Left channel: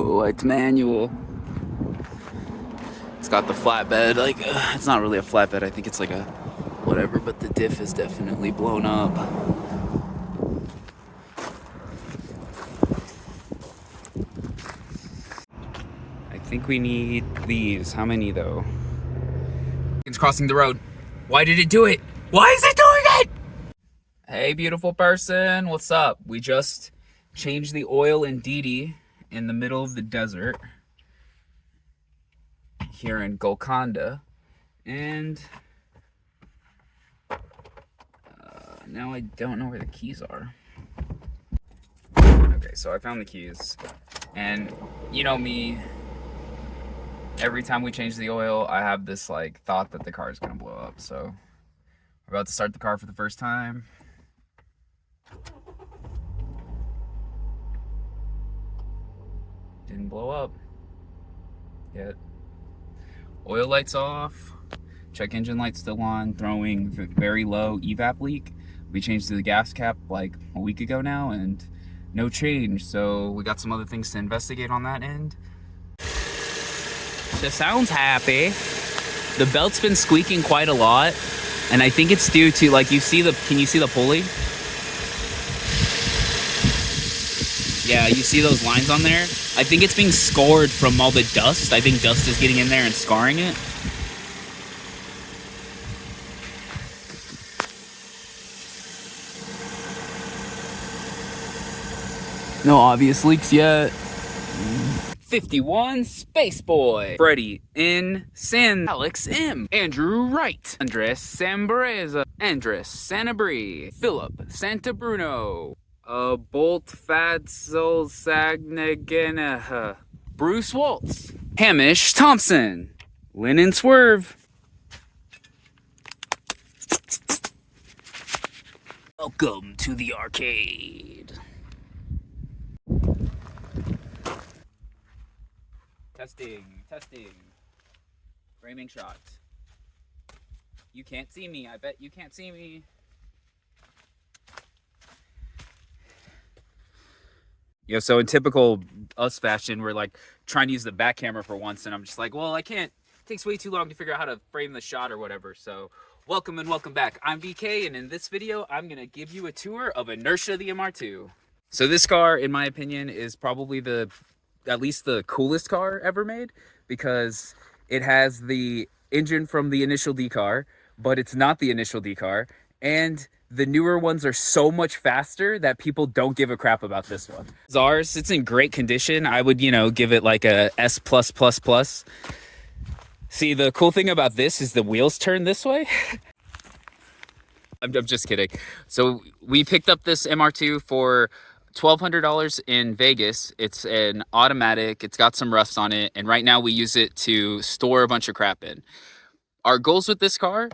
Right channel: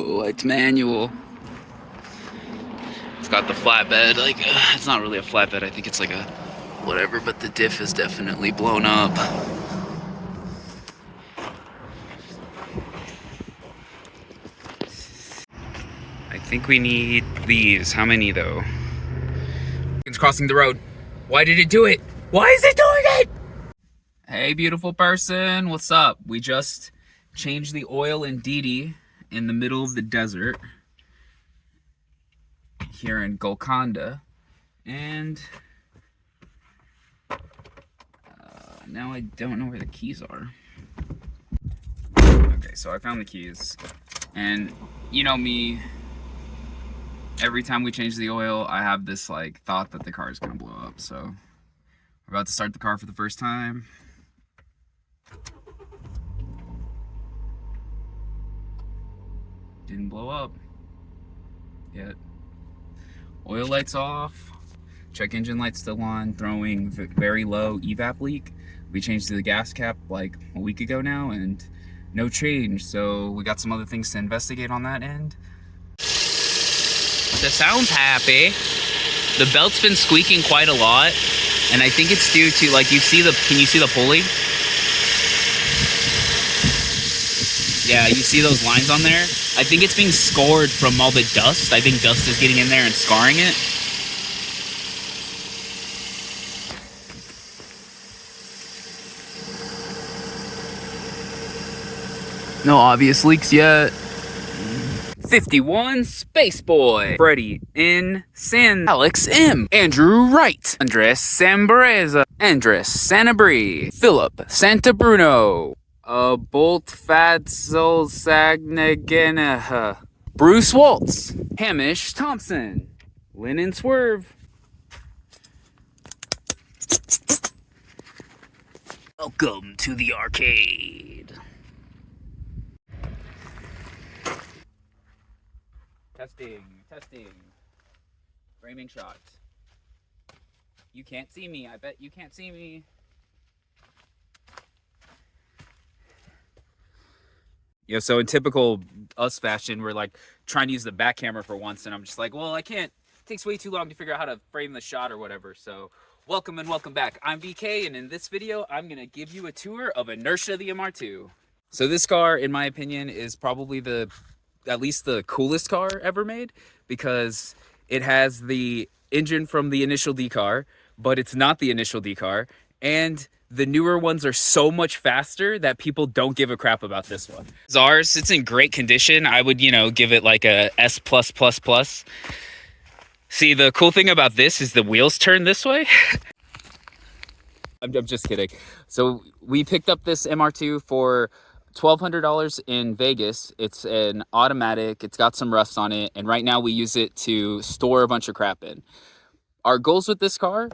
Oh, it's manual. It's got the flatbed, like, it's not really a flatbed, I think it's like a whatever, but the diff is definitely blown up. I think we need these. How many though? It's crossing the road. Why did it do it? Why is it doing it? Hey, beautiful person, what's up? We just changed the oil in Didi in the middle of the desert here in Golconda, and now I don't know where the keys are. Okay, so I found the keys, and you know me, every time we change the oil, I have this like thought that the car is gonna blow up. So we're about to start the car for the first time. Didn't blow up yet. Oil lights off. Check engine lights still on. Throwing very low evap leak. We changed the gas cap like a week ago now, and no change. So we got some other things to investigate on that end. The sound's happy. The belt's been squeaking quite a lot, and I think it's due to, like, can you see the pulley? Yeah, you see those lines on there? I think it's being scored from all the dust. I think dust is getting in there and scarring it. No obvious leaks yet. 51 Space Boy. Freddie in San. Alex M. Andrew Wright. Andres Sambreza. Andres Sanabri. Philip Santabruno. Bolt Fadzel Sagnagenaha. Bruce Waltz. Hamish Thompson. Lynn Swerve. Welcome to the arcade. Testing. Framing shots. You can't see me. I bet you can't see me. Yo, so in typical us fashion, we're like trying to use the back camera for once, and I'm just like, well, I can't. It takes way too long to figure out how to frame the shot or whatever. So welcome and welcome back. I'm BK, and in this video, I'm gonna give you a tour of Inertia the MR2. So this car, in my opinion, is probably at least the coolest car ever made, because it has the engine from the initial D car, but it's not the initial D car, and the newer ones are so much faster that people don't give a crap about this one. Ours, it's in great condition. I would, give it like a S+++. See, the cool thing about this is the wheels turn this way. I'm just kidding. So we picked up this MR2 for $1,200 in Vegas. It's an automatic. It's got some rust on it, and right now we use it to store a bunch of crap in. Our goals with this car:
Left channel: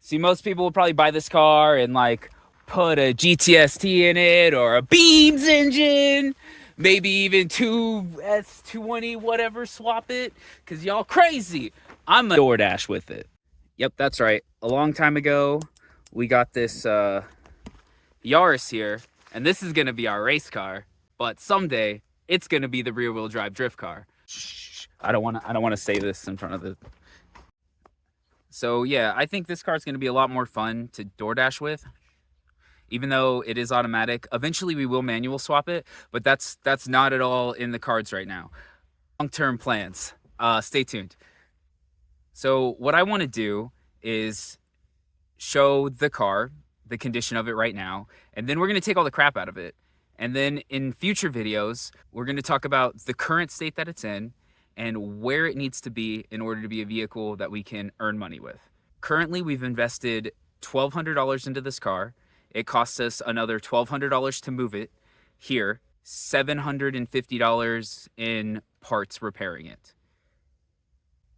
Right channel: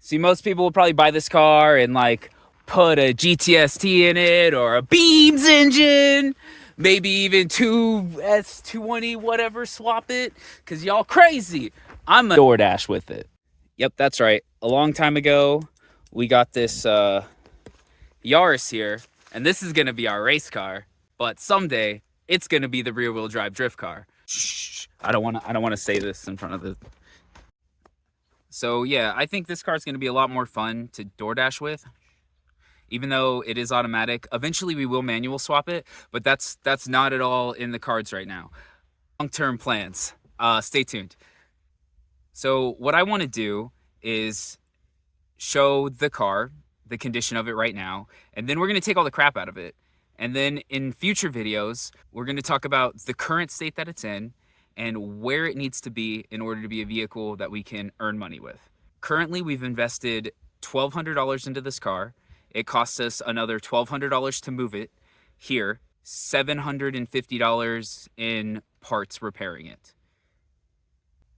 see, most people will probably buy this car and like put a GTST in it or a Beams engine, maybe even 2S220 whatever, swap it, because y'all crazy. I'm a DoorDash with it. Yep, that's right. A long time ago, we got this Yaris here, and this is going to be our race car, but someday it's going to be the rear-wheel drive drift car. Shh, I don't want to say this in front of the... So yeah, I think this car is going to be a lot more fun to DoorDash with. Even though it is automatic, eventually we will manual swap it, but that's not at all in the cards right now. Long-term plans. Stay tuned. So what I want to do is show the car, the condition of it right now, and then we're going to take all the crap out of it. And then in future videos, we're going to talk about the current state that it's in and where it needs to be in order to be a vehicle that we can earn money with. Currently, we've invested $1,200 into this car. It costs us another $1,200 to move it here, $750 in parts repairing it.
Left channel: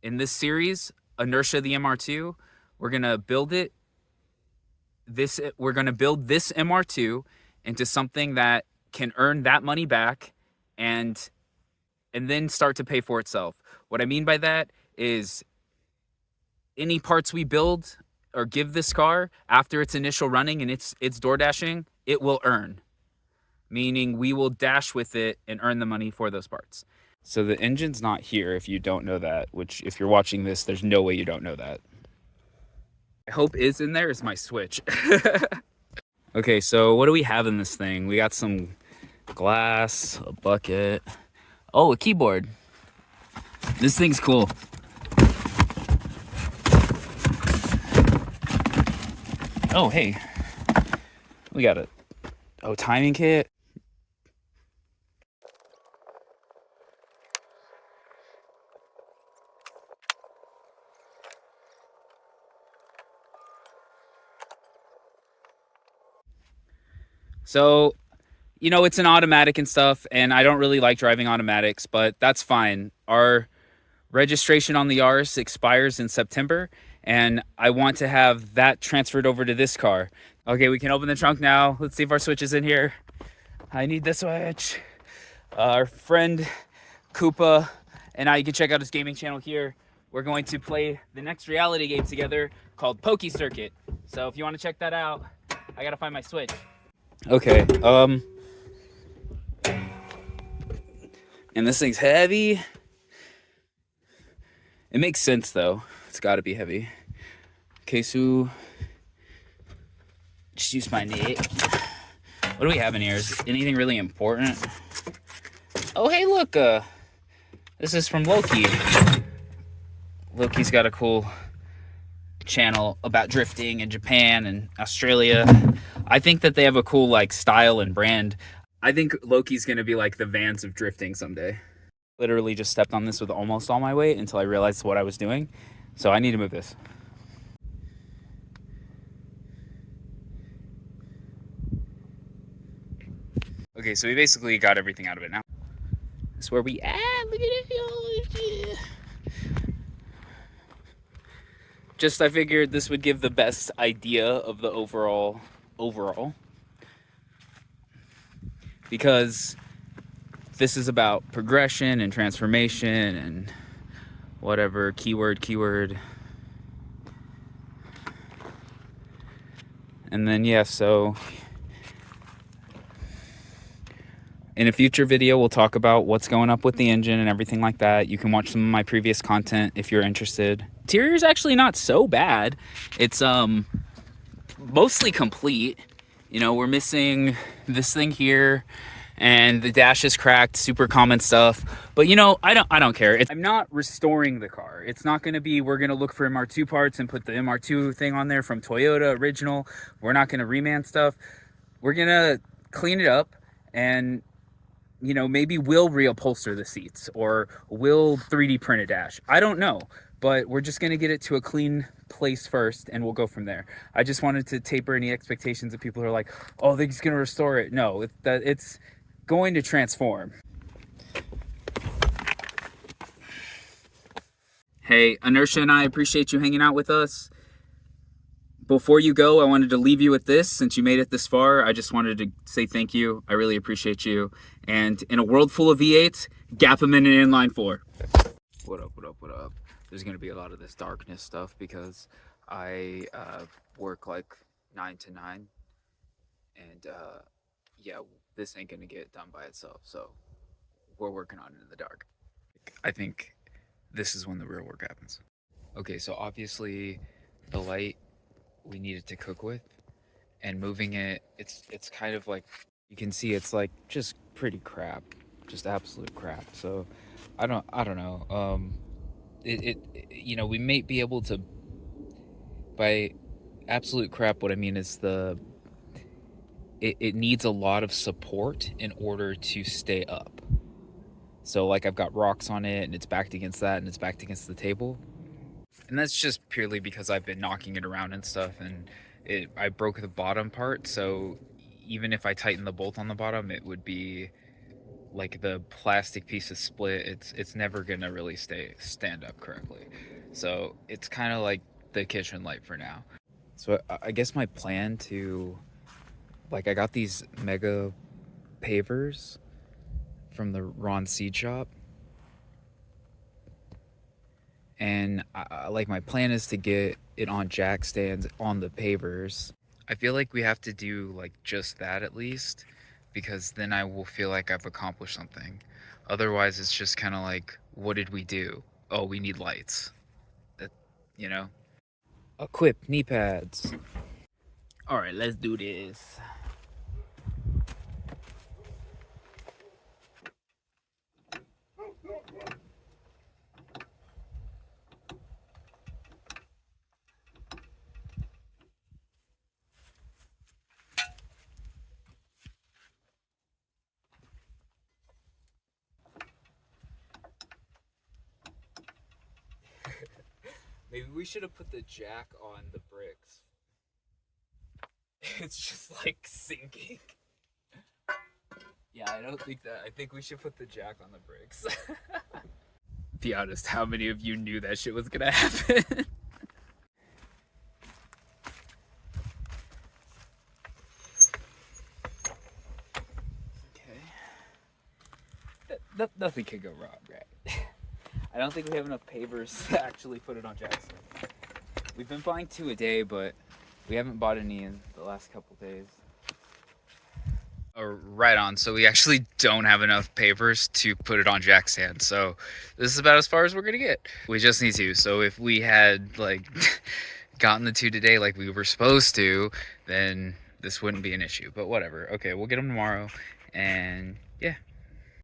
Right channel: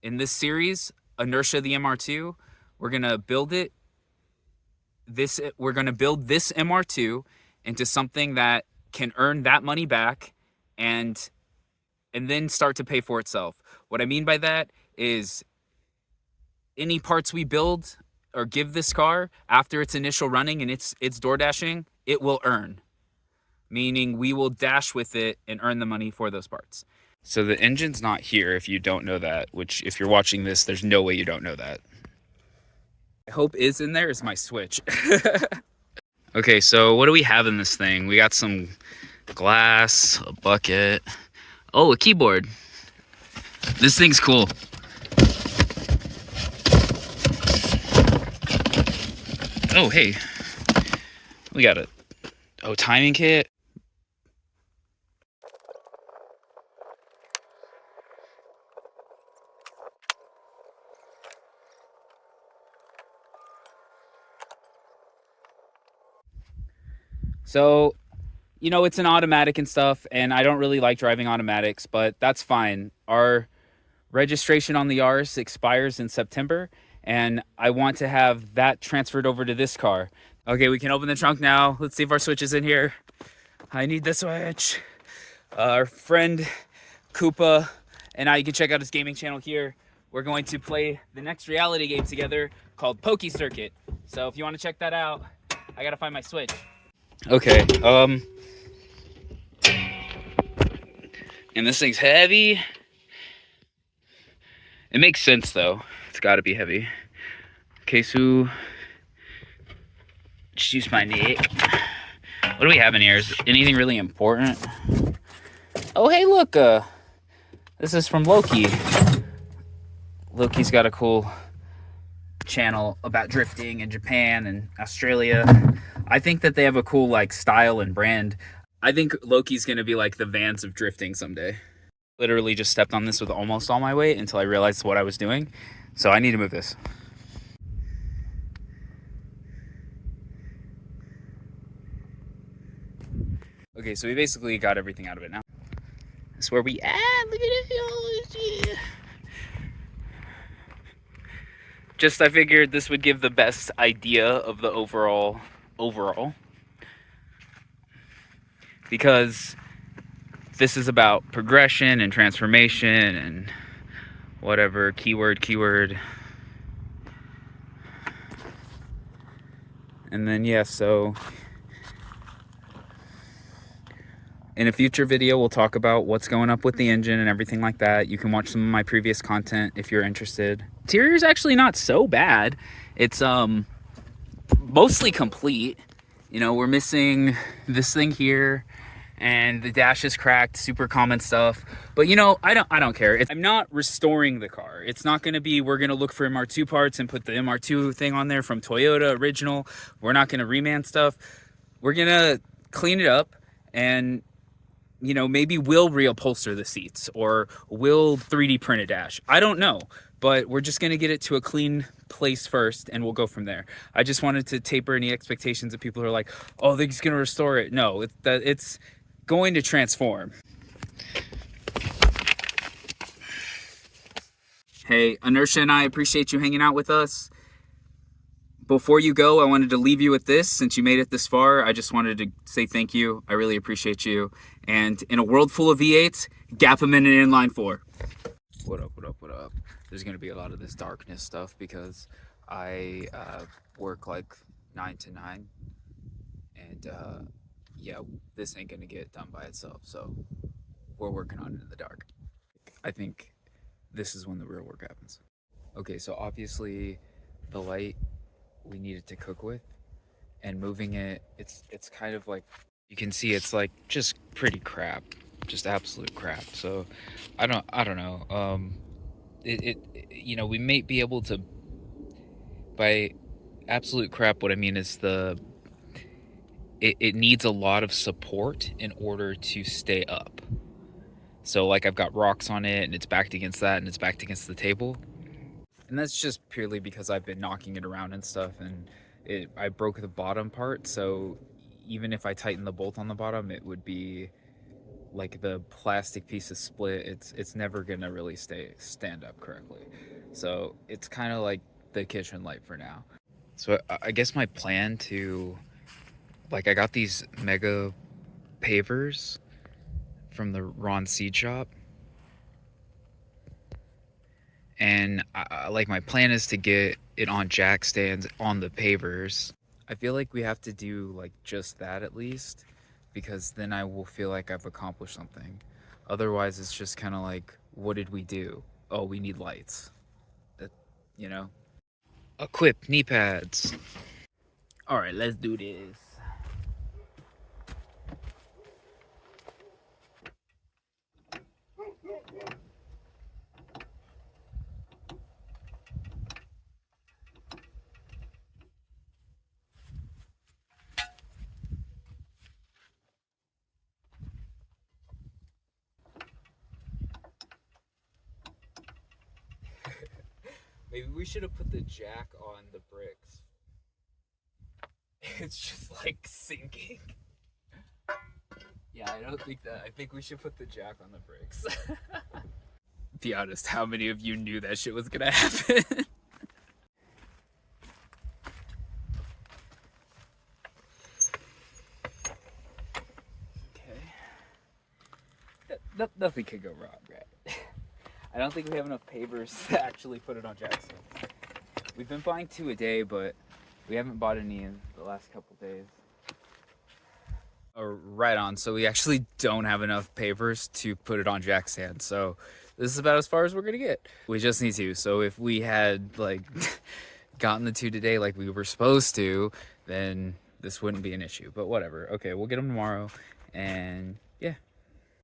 In this series, Inertia the MR2, we're gonna build this MR2 into something that can earn that money back and then start to pay for itself. What I mean by that is any parts we build or give this car after its initial running and it's DoorDashing, it will earn. Meaning we will dash with it and earn the money for those parts. So the engine's not here if you don't know that, which if you're watching this, there's no way you don't know that. I hope is in there is my switch. Okay, so what do we have in this thing? We got some glass, a bucket. Oh, a keyboard. This thing's cool. Oh, hey. We got a timing kit. So, you know, it's an automatic and stuff, and I don't really like driving automatics, but that's fine. Our registration on the Yaris expires in September, and I want to have that transferred over to this car. Okay, we can open the trunk now. Let's see if our switch is in here. I need the switch. Our friend Koopa and I, you can check out his gaming channel here. We're going to play the next reality game together called Pokey Circuit. So if you want to check that out, I gotta find my switch. Okay, and this thing's heavy. It makes sense though. It's gotta be heavy. Okay, so just use my neck. What do we have in here? Is anything really important? Oh, hey, look, this is from Loki. Loki's got a cool channel about drifting in Japan and Australia. I think that they have a cool like style and brand. I think Loki's gonna be like the Vans of drifting someday. Literally just stepped on this with almost all my weight until I realized what I was doing. So I need to move this. Okay, so we basically got everything out of it now. That's where we at. Look at it. Just I figured this would give the best idea of the overall. Because this is about progression and transformation and whatever, keyword. And then, yeah, so in a future video, we'll talk about what's going up with the engine and everything like that. You can watch some of my previous content if you're interested. Interior's actually not so bad. It's mostly complete. You know, we're missing this thing here, and the dash is cracked, super common stuff. But you know, I don't care. I'm not restoring the car. It's not gonna be, we're gonna look for MR2 parts and put the MR2 thing on there from Toyota original. We're not gonna reman stuff. We're gonna clean it up and, you know, maybe we'll reupholster the seats or we'll 3D print a dash. I don't know, but we're just gonna get it to a clean place first and we'll go from there. I just wanted to taper any expectations of people who are like, oh, they're just gonna restore it. No, it's going to transform. Hey, Inertia and I appreciate you hanging out with us. Before you go, I wanted to leave you with this. Since you made it this far, I just wanted to say thank you. I really appreciate you. And in a world full of V8s, gap them in an inline 4. What up? There's going to be a lot of this darkness stuff because I work like 9 to 9. And yeah, this ain't going to get done by itself. So we're working on it in the dark. I think this is when the real work happens. Okay, so obviously the light we needed to cook with, and moving it, it's kind of like, you can see it's like just pretty crap, just absolute crap. So I don't know. You know, we may be able to, by absolute crap, what I mean is it needs a lot of support in order to stay up. So like I've got rocks on it and it's backed against that and it's backed against the table. And that's just purely because I've been knocking it around and stuff, and I broke the bottom part, so even if I tighten the bolt on the bottom, it would be like the plastic piece is split. It's never gonna really stand up correctly. So it's kind of like the kitchen light for now. So I guess my plan to, like, I got these mega pavers from the Ron Seed Shop. And like my plan is to get it on jack stands on the pavers. I feel like we have to do like just that at least, because then I will feel like I've accomplished something. Otherwise it's just kind of like, what did we do? Oh, we need lights. That, you know. Equip knee pads. All right, let's do this. Maybe we should have put the jack on the bricks. It's just like sinking. Yeah, I don't think that. I think we should put the jack on the bricks. Be honest, how many of you knew that shit was gonna happen? Okay. Nothing could go wrong, right? I don't think we have enough pavers to actually put it on Jackson. We've been buying 2 a day, but we haven't bought any in the last couple days. Oh, right on. So we actually don't have enough pavers to put it on jack stand. So this is about as far as we're gonna get. We just need to. So if we had like gotten the 2 today like we were supposed to, then this wouldn't be an issue. But whatever. Okay, we'll get them tomorrow. And yeah.